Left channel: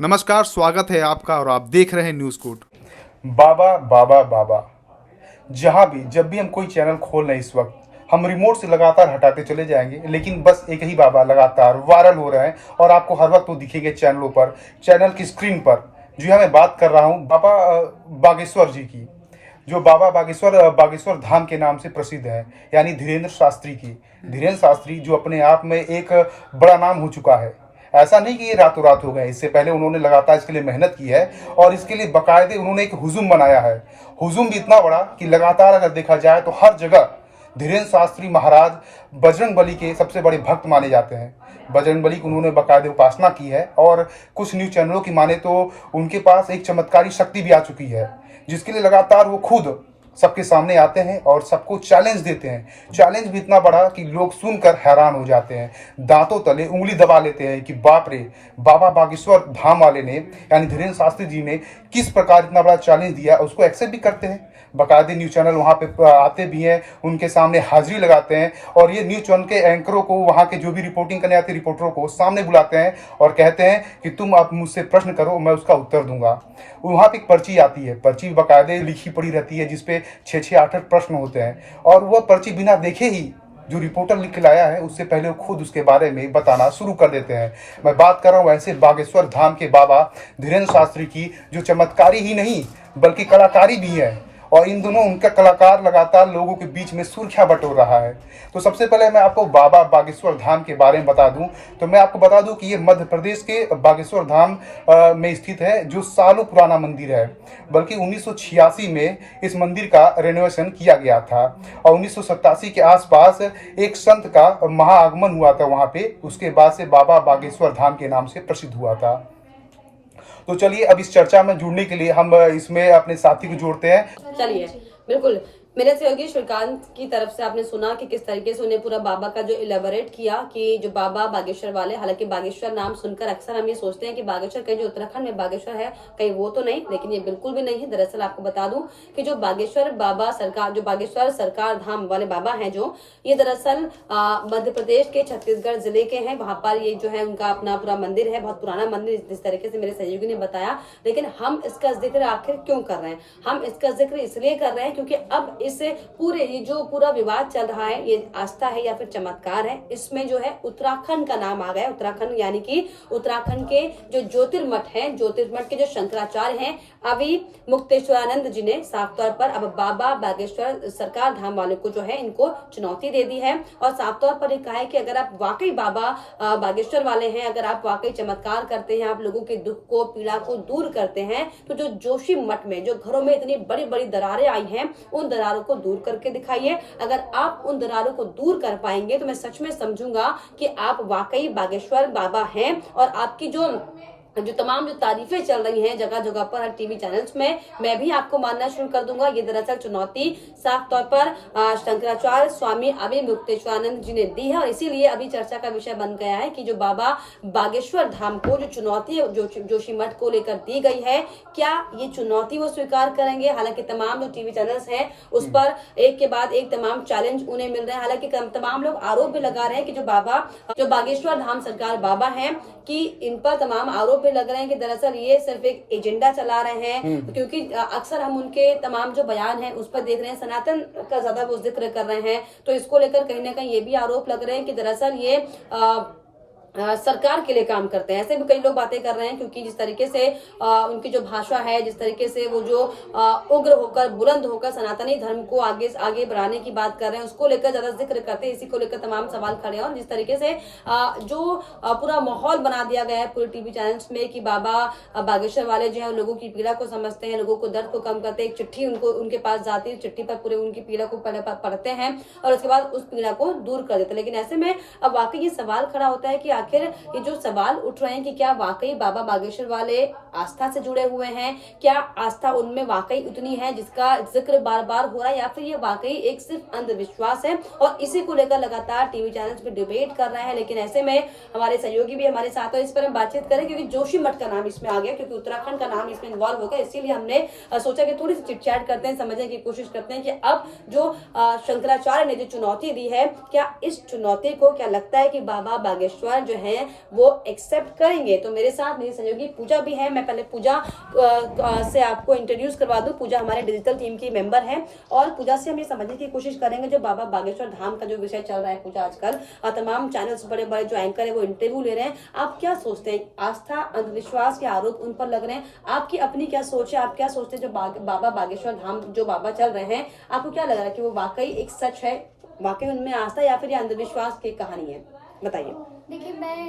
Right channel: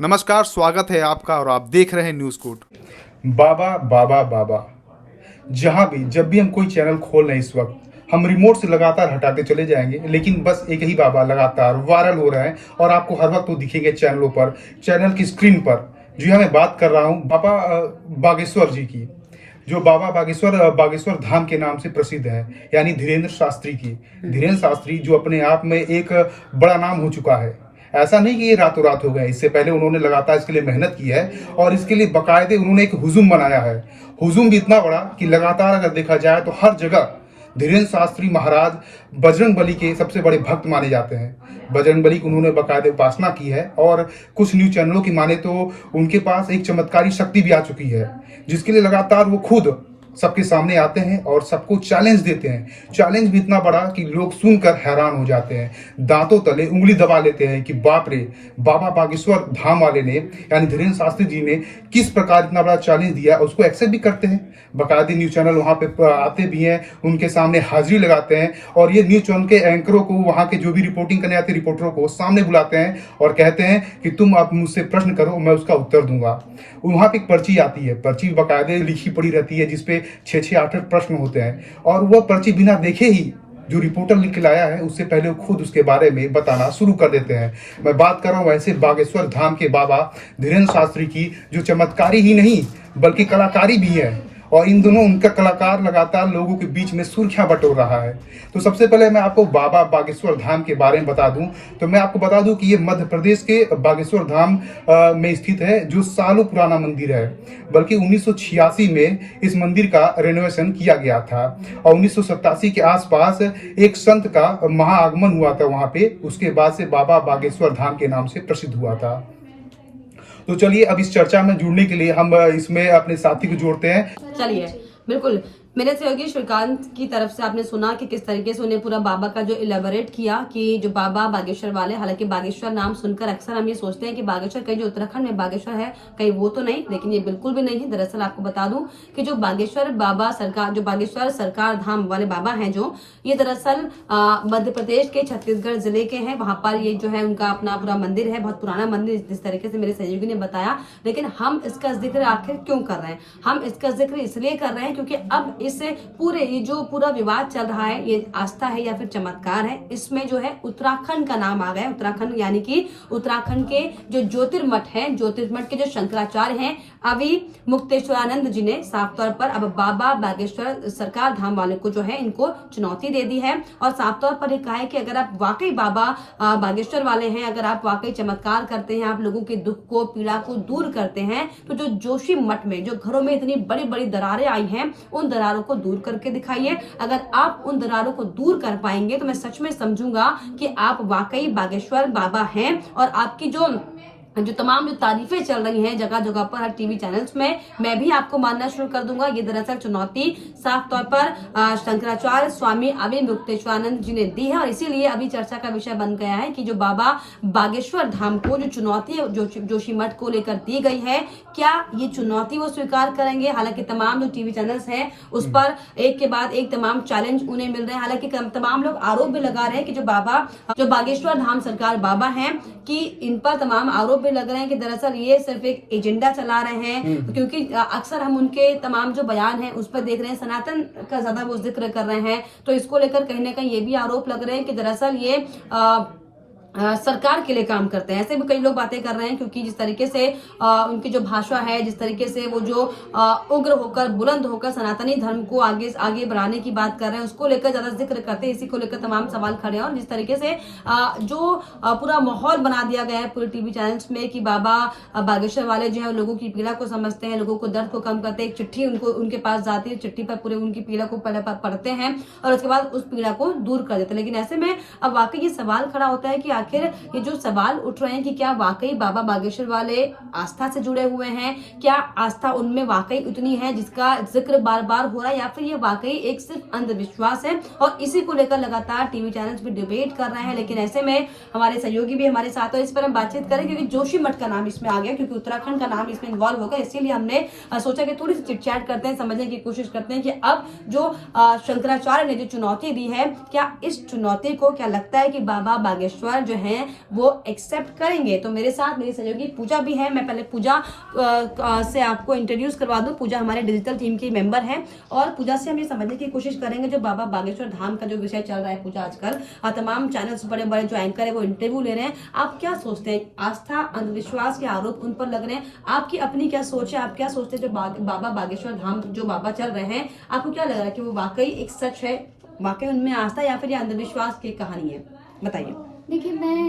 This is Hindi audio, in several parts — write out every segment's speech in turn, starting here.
नमस्कार, स्वागत है आपका और आप देख रहे हैं न्यूज़ कोड। बाबा बाबा बाबा। जहाँ भी जब भी हम कोई चैनल खोल रहे हैं इस वक्त हम रिमोट से लगातार हटाते चले जाएंगे, लेकिन बस एक ही बाबा लगातार वायरल हो रहे हैं और आपको हर वक्त वो दिखेंगे चैनलों पर, चैनल की स्क्रीन पर। जी हाँ, मैं बात कर रहा हूँ बाबा बागेश्वर जी की, जो बाबा बागेश्वर धाम के नाम से प्रसिद्ध है, यानी धीरेन्द्र शास्त्री की। धीरेन्द्र शास्त्री जो अपने आप में एक बड़ा नाम हो चुका है। ऐसा नहीं कि ये रातों रात हो गए, इससे पहले उन्होंने लगातार इसके लिए मेहनत की है और इसके लिए बाकायदे उन्होंने एक हुजूम बनाया है। हुजूम भी इतना बड़ा कि लगातार अगर देखा जाए तो हर जगह धीरेन्द्र शास्त्री महाराज बजरंग बली के सबसे बड़े भक्त माने जाते हैं। बजरंग बली की उन्होंने बाकायदे उपासना की है और कुछ न्यूज चैनलों की माने तो उनके पास एक चमत्कारी शक्ति भी आ चुकी है, जिसके लिए लगातार वो खुद सबके सामने आते हैं और सबको चैलेंज देते हैं। चैलेंज भी इतना बड़ा कि लोग सुनकर हैरान हो जाते हैं, दांतों तले उंगली दबा लेते हैं कि बाप रे, बाबा बागेश्वर धाम वाले ने यानी धीरेन्द्र शास्त्री जी ने किस प्रकार इतना बड़ा चैलेंज दिया, उसको एक्सेप्ट भी करते हैं। बाकायदे न्यूज चैनल वहाँ पे आते भी हैं, उनके सामने हाजिरी लगाते हैं और ये न्यूज चैनल के एंकरों को, वहाँ के जो भी रिपोर्टिंग करने आते रिपोर्टरों को सामने बुलाते हैं और कहते हैं कि तुम आप मुझसे प्रश्न करो, मैं उसका उत्तर दूंगा। वहाँ पे एक पर्ची आती है, पर्ची बाकायदे लिखी पड़ी रहती है जिसपे 6-6 8-8 प्रश्न होते हैं और वह पर्ची बिना देखे ही जो रिपोर्टर लिख के लाया है उससे पहले वो खुद उसके बारे में बताना शुरू कर देते हैं। मैं बात कर रहा हूँ ऐसे बागेश्वर धाम के बाबा धीरेन्द्र शास्त्री की, जो चमत्कारी ही नहीं बल्कि कलाकारी भी है और इन दोनों उनका कलाकार लगातार लोगों के बीच में सुर्खियां बटोर रहा है। तो सबसे पहले मैं आपको बाबा बागेश्वर धाम के बारे में बता दूं तो मैं आपको बता दूं कि ये मध्य प्रदेश के बागेश्वर धाम में स्थित है, जो सालों पुराना मंदिर है। बल्कि 1986 में इस मंदिर का रेनोवेशन किया गया था और 1987 के आसपास एक संत का महाआगमन हुआ था वहां पे, उसके बाद से बाबा बागेश्वर धाम के नाम से प्रसिद्ध हुआ था। तो चलिए अब इस चर्चा में जुड़ने के लिए हम इसमें अपने साथी को जोड़ते हैं। चलिए, बिल्कुल। मेरे सहयोगी श्रीकांत की तरफ से आपने सुना कि किस तरीके से उन्हें पूरा बाबा का जो इलेबोरेट किया कि जो बाबा बागेश्वर वाले, हालांकि बागेश्वर नाम सुनकर अक्सर हम ये सोचते हैं कि बागेश्वर कहीं जो उत्तराखंड में बागेश्वर है कहीं वो तो नहीं, लेकिन ये बिल्कुल भी नहीं है। दरअसल आपको बता दूं कि जो बागेश्वर बाबा सरकार, जो बागेश्वर सरकार धाम वाले बाबा हैं, जो ये दरअसल मध्य प्रदेश के छत्तीसगढ़ जिले के हैं। वहां पर ये जो है उनका अपना पूरा मंदिर है, बहुत पुराना मंदिर, जिस तरीके से मेरे सहयोगी ने बताया। लेकिन हम इसका जिक्र आखिर क्यों कर रहे हैं? हम इसका जिक्र इसलिए कर रहे हैं क्योंकि अब इससे पूरे ये जो पूरा विवाद चल रहा है, ये आस्था है या फिर चमत्कार है, इसमें जो है उत्तराखंड का नाम आ गया। उत्तराखंड यानी कि उत्तराखंड के जो ज्योतिर्मठ है, ज्योतिर्मठ के जो शंकराचार्य हैं अभी मुक्तेश्वरानंद जी ने साफ तौर पर अब बाबा बागेश्वर सरकार धाम वाले को जो है इनको चुनौती दे दी है और साफ तौर पर ये कहा है कि अगर आप वाकई बाबा बागेश्वर वाले हैं, अगर आप वाकई चमत्कार करते हैं, आप लोगों के दुख को, पीड़ा को दूर करते हैं, तो जो जोशी मठ में जो घरों में इतनी बड़ी बड़ी दरारें आई हैं, उन दरारों को दूर करके दिखाइए। अगर आप उन दरारों को दूर कर पाएंगे तो मैं सच में समझूंगा कि आप वाकई बागेश्वर बाबा हैं। और आपकी जो तमाम जो तारीफें चल रही हैं जगह जगह पर, हर टीवी चैनल्स में, मैं भी आपको मानना शुरू कर दूंगा। ये दरअसल चुनौती साफ तौर पर शंकराचार्य स्वामी अभी मुक्तेश्वरानंद जी ने दी है और इसीलिए अभी चर्चा का विषय बन गया है कि जो बाबा बागेश्वर धाम को जो चुनौती जोशी मठ को लेकर दी गई है, क्या ये चुनौती वो स्वीकार करेंगे? हालांकि तमाम जो टीवी चैनल्स हैं उस पर एक के बाद एक तमाम चैलेंज उन्हें मिल रहे हैं। हालांकि तमाम लोग आरोप भी लगा रहे हैं कि जो बागेश्वर धाम सरकार बाबा हैं कि इन पर तमाम आरोप लग रहे हैं कि दरअसल ये सिर्फ एक एजेंडा चला रहे हैं, क्योंकि अक्सर हम उनके तमाम जो बयान हैं उस पर देख रहे हैं सनातन का ज्यादा वो जिक्र कर रहे हैं। तो इसको लेकर कहीं ना कहीं ये भी आरोप लग रहे हैं कि दरअसल ये सरकार के लिए काम करते हैं। ऐसे भी कई लोग बातें कर रहे हैं, क्योंकि जिस तरीके से उनकी जो भाषा है, जिस तरीके से वो जो उग्र होकर, बुलंद होकर सनातनी धर्म को आगे आगे बढ़ाने की बात कर रहे हैं, उसको लेकर ज्यादा जिक्र करते हैं। इसी को लेकर तमाम सवाल खड़े हैं और जिस तरीके से जो पूरा माहौल बना दिया गया है पूरे टीवी चैनल्स में कि बाबा बागेश्वर वाले जो है लोगों की पीड़ा को समझते हैं, लोगों को दर्द को कम करते हैं। एक चिट्ठी उनके पास जाती है, चिट्ठी पर पूरे उनकी पीड़ा को पहले पढ़ते हैं और उसके बाद उस पीड़ा को दूर कर देते हैं। लेकिन ऐसे में अब वाकई ये सवाल खड़ा होता है कि आखिर ये जो सवाल उठ रहे हैं कि क्या वाकई बाबा बागेश्वर वाले आस्था से जुड़े हुए हैं? क्या आस्था उनमें वाकई उतनी है जिसका जिक्र बार बार हो रहा है, या फिर ये वाकई एक सिर्फ अंधविश्वास है? और इसी को लेकर लगातार टीवी चैनल्स भी डिबेट कर रहे हैं। लेकिन ऐसे में हमारे सहयोगी भी हमारे साथ हो, इस पर हम बातचीत करें, क्योंकि जोशी मठ का नाम इसमें आ गया, क्योंकि उत्तराखंड का नाम इसमें इन्वॉल्व हो गया। इसीलिए हमने सोचा कि थोड़ी सी चिटचैट करते हैं, समझने की कोशिश करते हैं कि अब जो शंकराचार्य ने जो चुनौती दी है, क्या इस चुनौती को, क्या लगता है कि बाबा बागेश्वर जो हैं वो एक्सेप्ट करेंगे। तो मेरे साथ मेरी सहयोगी पूजा भी है। मैं पहले पूजा से आपको इंट्रोड्यूस करवा दूं। पूजा हमारे डिजिटल टीम की मेंबर है और पूजा से हम ये समझने की कोशिश करेंगे जो बाबा बागेश्वर धाम का जो विषय चल रहा है। पूजा आजकल तमाम चैनल्स बड़े बड़े जो एंकर है वो इंटरव्यू ले रहे हैं। आप क्या सोचते हैं, आस्था अंधविश्वास के आरोप उन पर लग रहे हैं, आपकी अपनी क्या सोच है? आप क्या सोचते हैं जो बाबा बागेश्वर धाम जो बाबा चल रहे हैं, आपको क्या लग रहा है कि वो वाकई एक सच है, वाकई उनमें आस्था या फिर ये अंधविश्वास की कहानी है? बताइए। देखिए, मैं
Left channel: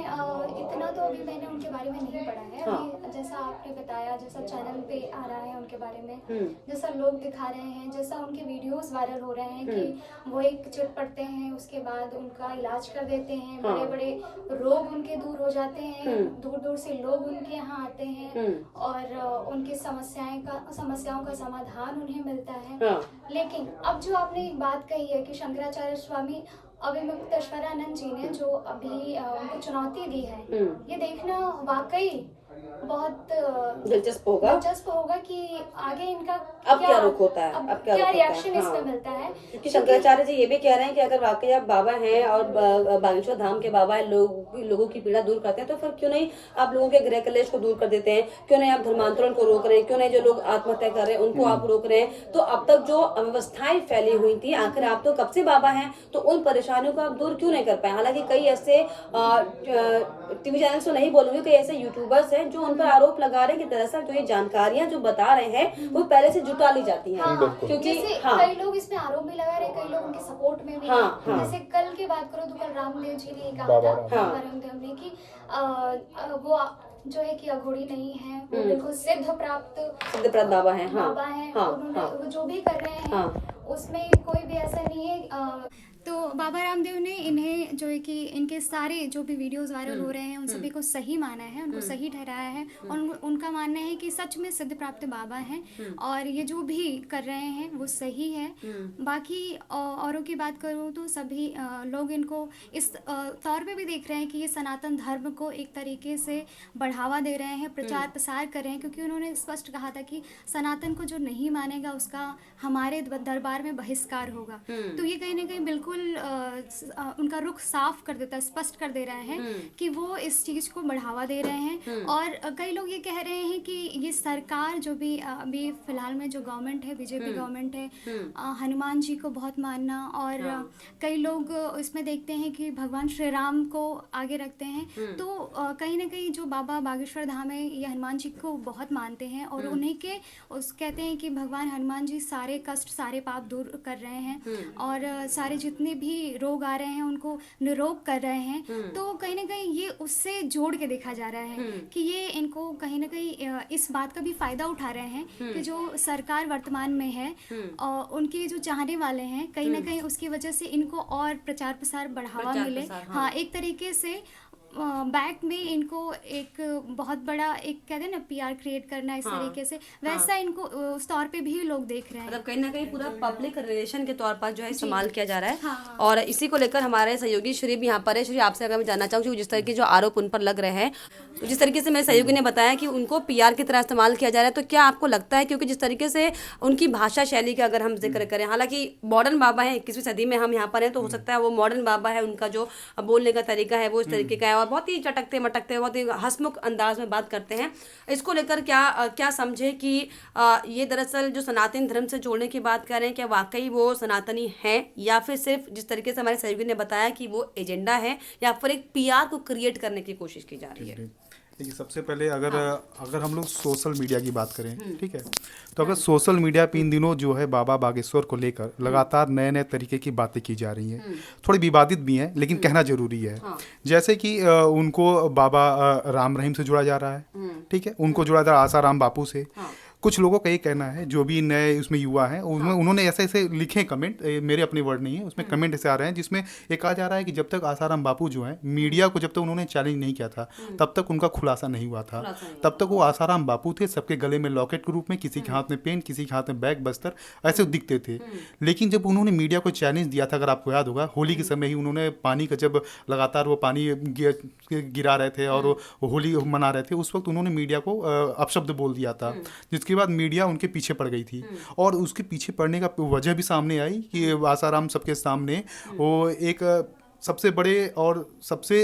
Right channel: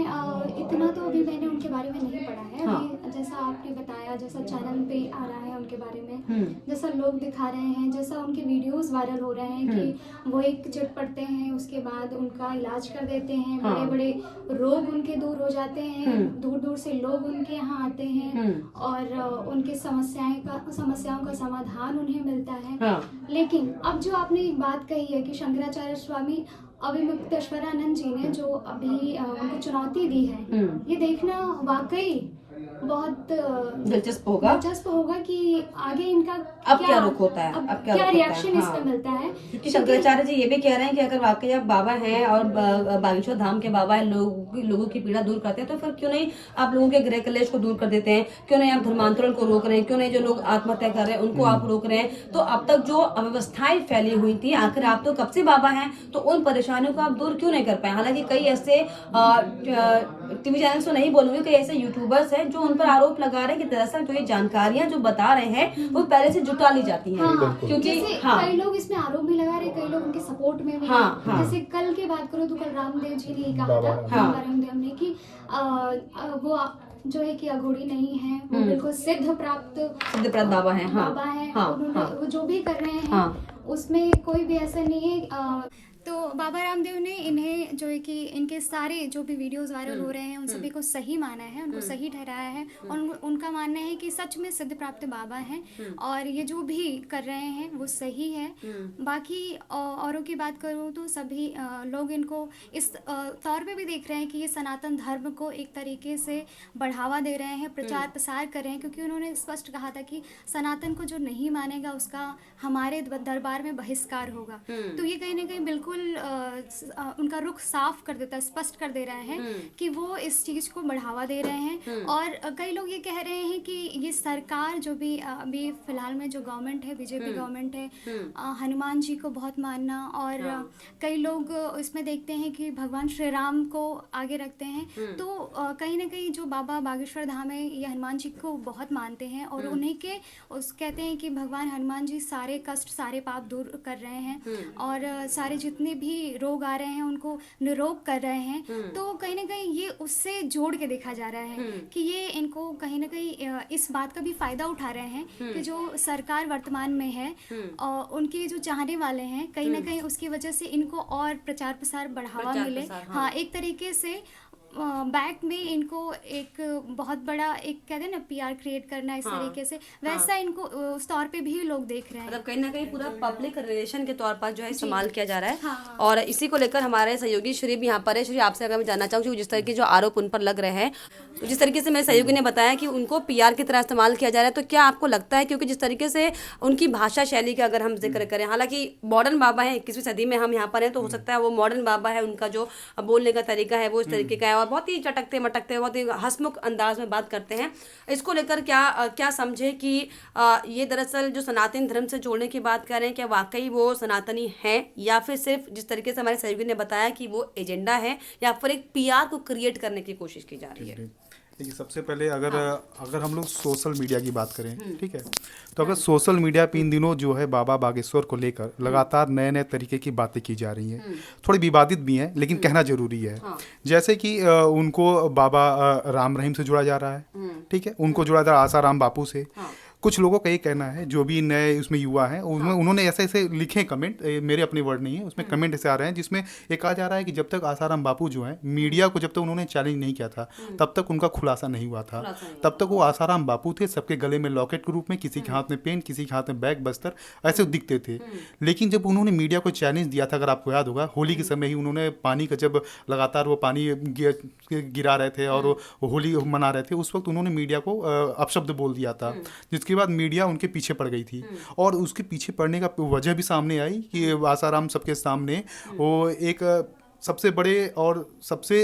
इतना तो अभी मैंने उनके बारे में नहीं पढ़ा है। हाँ। अभी जैसा आपने बताया, जैसा चैनल पे आ रहा है उनके बारे में, जैसा लोग दिखा रहे हैं, जैसा उनके वीडियोस वायरल हो रहे हैं कि वो एक चिट पड़ते हैं, उसके बाद उनका इलाज कर देते हैं, हाँ। बड़े बड़े रोग उनके दूर हो जाते हैं, दूर दूर से लोग उनके यहाँ आते हैं और उनके समस्याओं का समाधान उन्हें मिलता है। हाँ। लेकिन अब जो आपने एक बात कही है कि शंकराचार्य स्वामी अभिमुक्तेश्वरानंद जी ने जो अभी उनको चुनौती दी है, ये देखना वाकई बहुत दिलचस्प होगा कि आगे इनका अब क्या रुख होता है, अब क्या रिएक्शन हाँ। इसका मिलता है। क्योंकि शंकराचार्य जी ये भी कह रहे हैं कि अगर वाकई आप बाबा हैं और बागेश्वर धाम के बाबा हैं, लोगों की पीड़ा दूर करते हैं, तो फिर क्यों नहीं आप लोगों के गृह कलेश को दूर कर देते हैं? क्यों नहीं आप धर्मांतरण को रोक रहे हैं? क्यों नहीं जो लोग आत्महत्या कर रहे हैं उनको आप रोक रहे हैं? तो अब तक जो अव्यवस्थाएं फैली हुई थी, आखिर आप तो कब से बाबा हैं, तो उन परेशानियों को आप दूर क्यों नहीं कर पाए? हालांकि कई ऐसे टीवी चैनल तो नहीं बोलूंगी, कई ऐसे यूट्यूबर्स हैं जो उन पर आरोप लगा रहे हैं कि दरअसल जो ये जानकारियां जो बता रहे हैं वो पहले से जुटा ली जाती हैं। क्योंकि कई लोग इसमें आरोप भी लगा रहे हैं, कई लोग उनके सपोर्ट में भी हैं। जैसे कल की बात करो तो कल रामदेव जी ने कहा था, बाबा रामदेव ने, कि वो जो है कि अघोरी नहीं है, वो बिल्कुल सिद्धप्रद बाबा है। बाबा है। उन्होंने वो जो भी कर रहे हैं उसमें कोई भी ऐसा नहीं है। तो बाबा रामदेव ने इन्हें जो है कि इनके सारे जो भी वीडियोस वायरल हो रहे हैं उन सभी को सही माना है, उनको सही ठहराया है और उनका मानना है कि सच में सिद्ध प्राप्त बाबा हैं और ये जो भी कर रहे हैं वो सही है। बाकी औरों की बात करूँ तो सभी लोग इनको इस तौर पे भी देख रहे हैं कि ये सनातन धर्म को एक तरीके से बढ़ावा दे रहे हैं, प्रचार प्रसार कर रहे हैं, क्योंकि उन्होंने स्पष्ट कहा था कि सनातन को जो नहीं मानेगा उसका हमारे दरबार में बहिष्कार होगा। तो ये कहीं ना कहीं बिल्कुल उनका रुख साफ कर देता है, स्पष्ट कर दे रहे हैं कि वो इस चीज को बढ़ावा दे रहे हैं। और कई लोग ये कह रहे हैं कि ये सरकार जो भी अभी फिलहाल में जो गवर्नमेंट है, बीजेपी गवर्नमेंट है, हनुमान जी को बहुत मानना, और कई लोग इसमें देखते हैं कि भगवान श्री राम को आगे रखते हैं। तो कहीं ना कहीं जो बाबा बागेश्वर धाम है ये हनुमान जी को बहुत मानते हैं और उन्हीं के कहते हैं कि भगवान हनुमान जी सारे कष्ट सारे पाप दूर कर रहे हैं और सारे जितने भी रोग आ रहे हैं उनको निरोग कर रहे हैं। तो कहीं ना कहीं ये उससे जोड़ के देखा जा रहा है कि ये इनको कहीं ना कहीं इस बात का भी फायदा उठा रहे हैं कि जो सरकार वर्तमान में है और उनके जो चाहने वाले हैं कहीं ना कहीं उसकी वजह से इनको और प्रचार प्रसार बढ़ावा मिले। हाँ, एक तरीके से बैक में इनको एक बहुत बड़ा एक कहते हैं ना पीआर क्रिएट करना इस तरीके से, वैसा इनको उस तौर पे भी लोग देख रहे हैं। मतलब कहीं ना कहीं पूरा पब्लिक रिलेशन के तौर पर जो है इस्तेमाल किया जा रहा है। और इसी को लेकर हमारे सहयोगी श्री भी यहाँ पर है। श्री, आपसे अगर मैं जानना चाहूँगी जिस तरह के जो आरोप उन पर लग रहे हैं, तो जिस तरीके से मेरे सहयोगी ने बताया कि उनको पीआर की तरह इस्तेमाल किया जा रहा है, तो क्या आपको लगता है, क्योंकि जिस तरीके से उनकी भाषा शैली का अगर हम जिक्र करें, हालांकि मॉडर्न बाबा है, 21वीं सदी में हम यहाँ पर हैं, तो हो सकता है वो मॉडर्न बाबा है, उनका जो बोलने का तरीका है वो इस तरीके का है और बहुत ही चटकते मटकते बहुत ही हंसमुख अंदाज में बात करते हैं। इसको लेकर क्या समझे कि ये दरअसल जो सनातन धर्म से जोड़ने की बात कर रहे हैं, क्या वाकई वो सनातनी है या फिर सिर्फ जिस तरीके से हमारे सहयोगी ने बताया कि वो एजेंडा है या फिर एक पीआर को क्रिएट करने की कोशिश की जा रही है? देखिए, सबसे पहले अगर हम लोग सोशल मीडिया की बात करें, ठीक है, तो अगर सोशल मीडिया पे इन दिनों जो है बाबा बागेश्वर को लेकर लगातार नए नए तरीके की बातें की जा रही हैं, थोड़ी विवादित भी हैं, लेकिन कहना जरूरी है। जैसे कि उनको बाबा राम रहीम से जोड़ा जा रहा है, ठीक है, उनको जोड़ा जा रहा है आसाराम बापू से। कुछ लोगों का ये कहना है, जो भी नए उसमें युवा हैं, उन्होंने ऐसे ऐसे लिखे कमेंट, मेरे अपने वर्ड नहीं है, उसमें कमेंट ऐसे आ रहे हैं जिसमें ये कहा जा रहा है कि जब तक आसाराम बापू जो है मीडिया को जब तक उन्होंने चैलेंज नहीं किया था तब तक उनका खुलासा नहीं हुआ था। तब तक वो आसाराम बापू थे, सबके गले में लॉकेट के रूप में, किसी के हाथ में पेन, किसी के हाथ में बैग बस्तर, ऐसे दिखते थे। लेकिन जब उन्होंने मीडिया को चैलेंज दिया था, अगर आपको याद होगा, होली के समय ही उन्होंने पानी का, जब लगातार वो पानी गिरा रहे थे और होली मना रहे थे, उस वक्त उन्होंने मीडिया को अपशब्द बोल दिया था, जिसके बाद मीडिया उनके पीछे पड़ गई थी। और उसके पीछे पड़ने का वजह भी सामने आई कि आसाराम सबके सामने वो एक सबसे बड़े और सबसे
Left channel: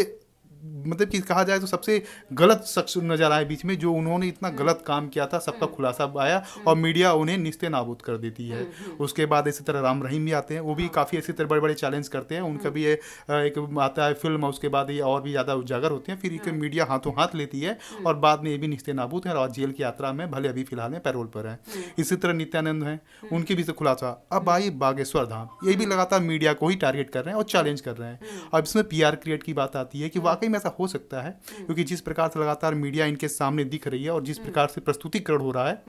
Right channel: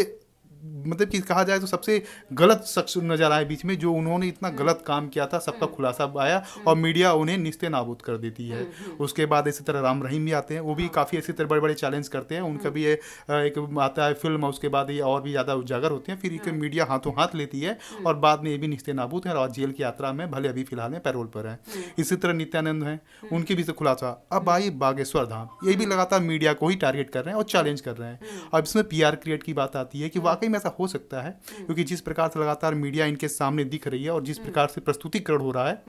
मतलब कि कहा जाए तो सबसे गलत शख्स नजर आए बीच में, जो उन्होंने इतना गलत काम किया था, सबका खुलासा आया और मीडिया उन्हें निस्ते नाबूद कर देती है। उसके बाद इसी तरह राम रहीम भी आते हैं, वो भी काफ़ी इसी तरह बड़े बड़े चैलेंज करते हैं, उनका भी एक आता है फिल्म, उसके बाद ये और भी ज़्यादा उजागर होते हैं, फिर एक मीडिया हाथों हाथ लेती है और बाद में ये भी निस्ते नाबूद हैं और जेल की यात्रा में, भले अभी फिलहाल में पैरोल पर हैं। इसी तरह नित्यानंद हैं, उनके भी से खुलासा। अब आई बागेश्वर धाम, ये भी लगातार मीडिया को ही टारगेट कर रहे हैं और चैलेंज कर रहे हैं। अब इसमें पीआर क्रिएट की बात आती है कि वाकई में ऐसा हो सकता है, क्योंकि जिस प्रकार से लगातार मीडिया इनके सामने दिख रही है और जिस प्रकार से प्रस्तुतिकरण हो रहा है,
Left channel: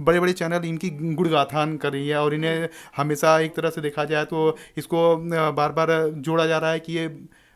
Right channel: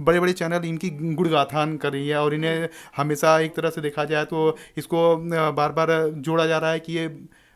बड़े बड़े चैनल इनकी गुणगाथान कर रही है और इन्हें हमेशा एक तरह से देखा जाए तो इसको बार बार जोड़ा जा रहा है कि ये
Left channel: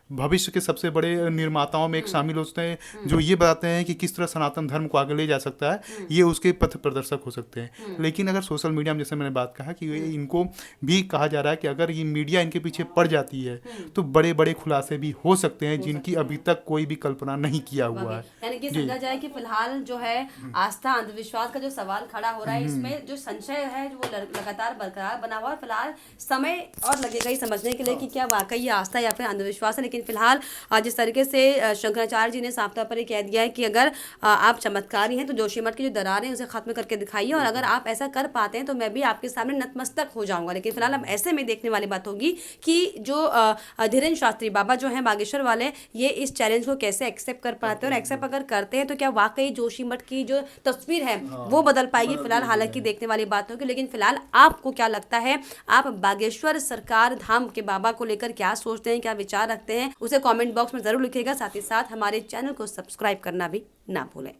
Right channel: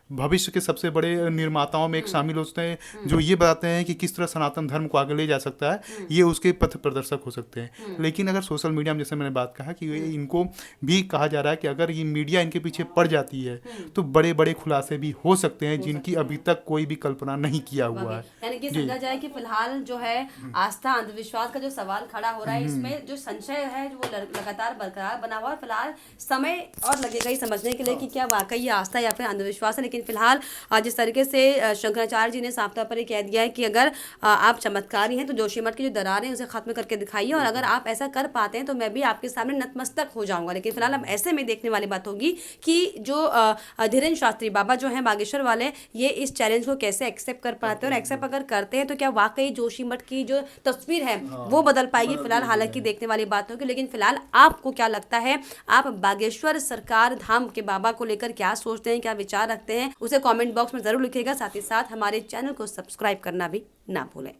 भविष्य के सबसे बड़े निर्माताओं में एक शामिल होते हैं, जो ये बताते हैं कि किस तरह सनातन धर्म को आगे ले जा सकता है, ये उसके पथ प्रदर्शक हो सकते हैं। लेकिन अगर सोशल मीडिया में, जैसे मैंने बात कहा कि इनको भी कहा जा रहा है कि अगर ये मीडिया इनके पीछे पड़ जाती है तो बड़े बड़े खुलासे भी हो सकते हैं, जिनकी अभी तक कोई भी कल्पना नहीं किया हुआ है। यानी कि समझा जाए कि फिलहाल जो है आस्था अंधविश्वास का जो सवाल खड़ा हो रहा है, इसमें जो संशय है वो लगातार बरकरार बना हुआ है। फिलहाल समय और लगेगा ही समझने के लिए कि क्या वाकई ये आस्था या फिर अंधविश्वास है। लेकिन फिलहाल जिस तरीके से शंकराचार्य जी ने साफ तौर पर ये कह दिया है कि अगर आप चमत्कारी हैं तो जोशीमठ की जो दरार है उसे खत्म करके दिखाइए, और अगर आप ऐसा कर पाते हैं तो मैं भी आपके सामने नतमस्तक हो जाऊंगा। लेकिन फिलहाल अब ऐसे में देखने वाली बात होगी कि जो धीरेन्द्र शास्त्री बाबा जो हैं बागेश्वर वाले, ये इस चैलेंज को कैसे एक्सेप्ट कर पाते हैं, और एक्सेप्ट अगर करते हैं तो क्या वाकई जोशीमठ की जो तस्वीर है वो बदल पाएगी। फिलहाल हालांकि देखने वाली बात होगी। लेकिन फिलहाल आपको क्या लगता है, आप बागेश्वर सरकार धाम के बाबा को लेकर क्या सोचते हैं, क्या विचार रखते हैं, उसे कमेंट बॉक्स में जरूर लिखिएगा। साथ ही साथ हमारे चैनल को सब्सक्राइब करना भी ना भूलें।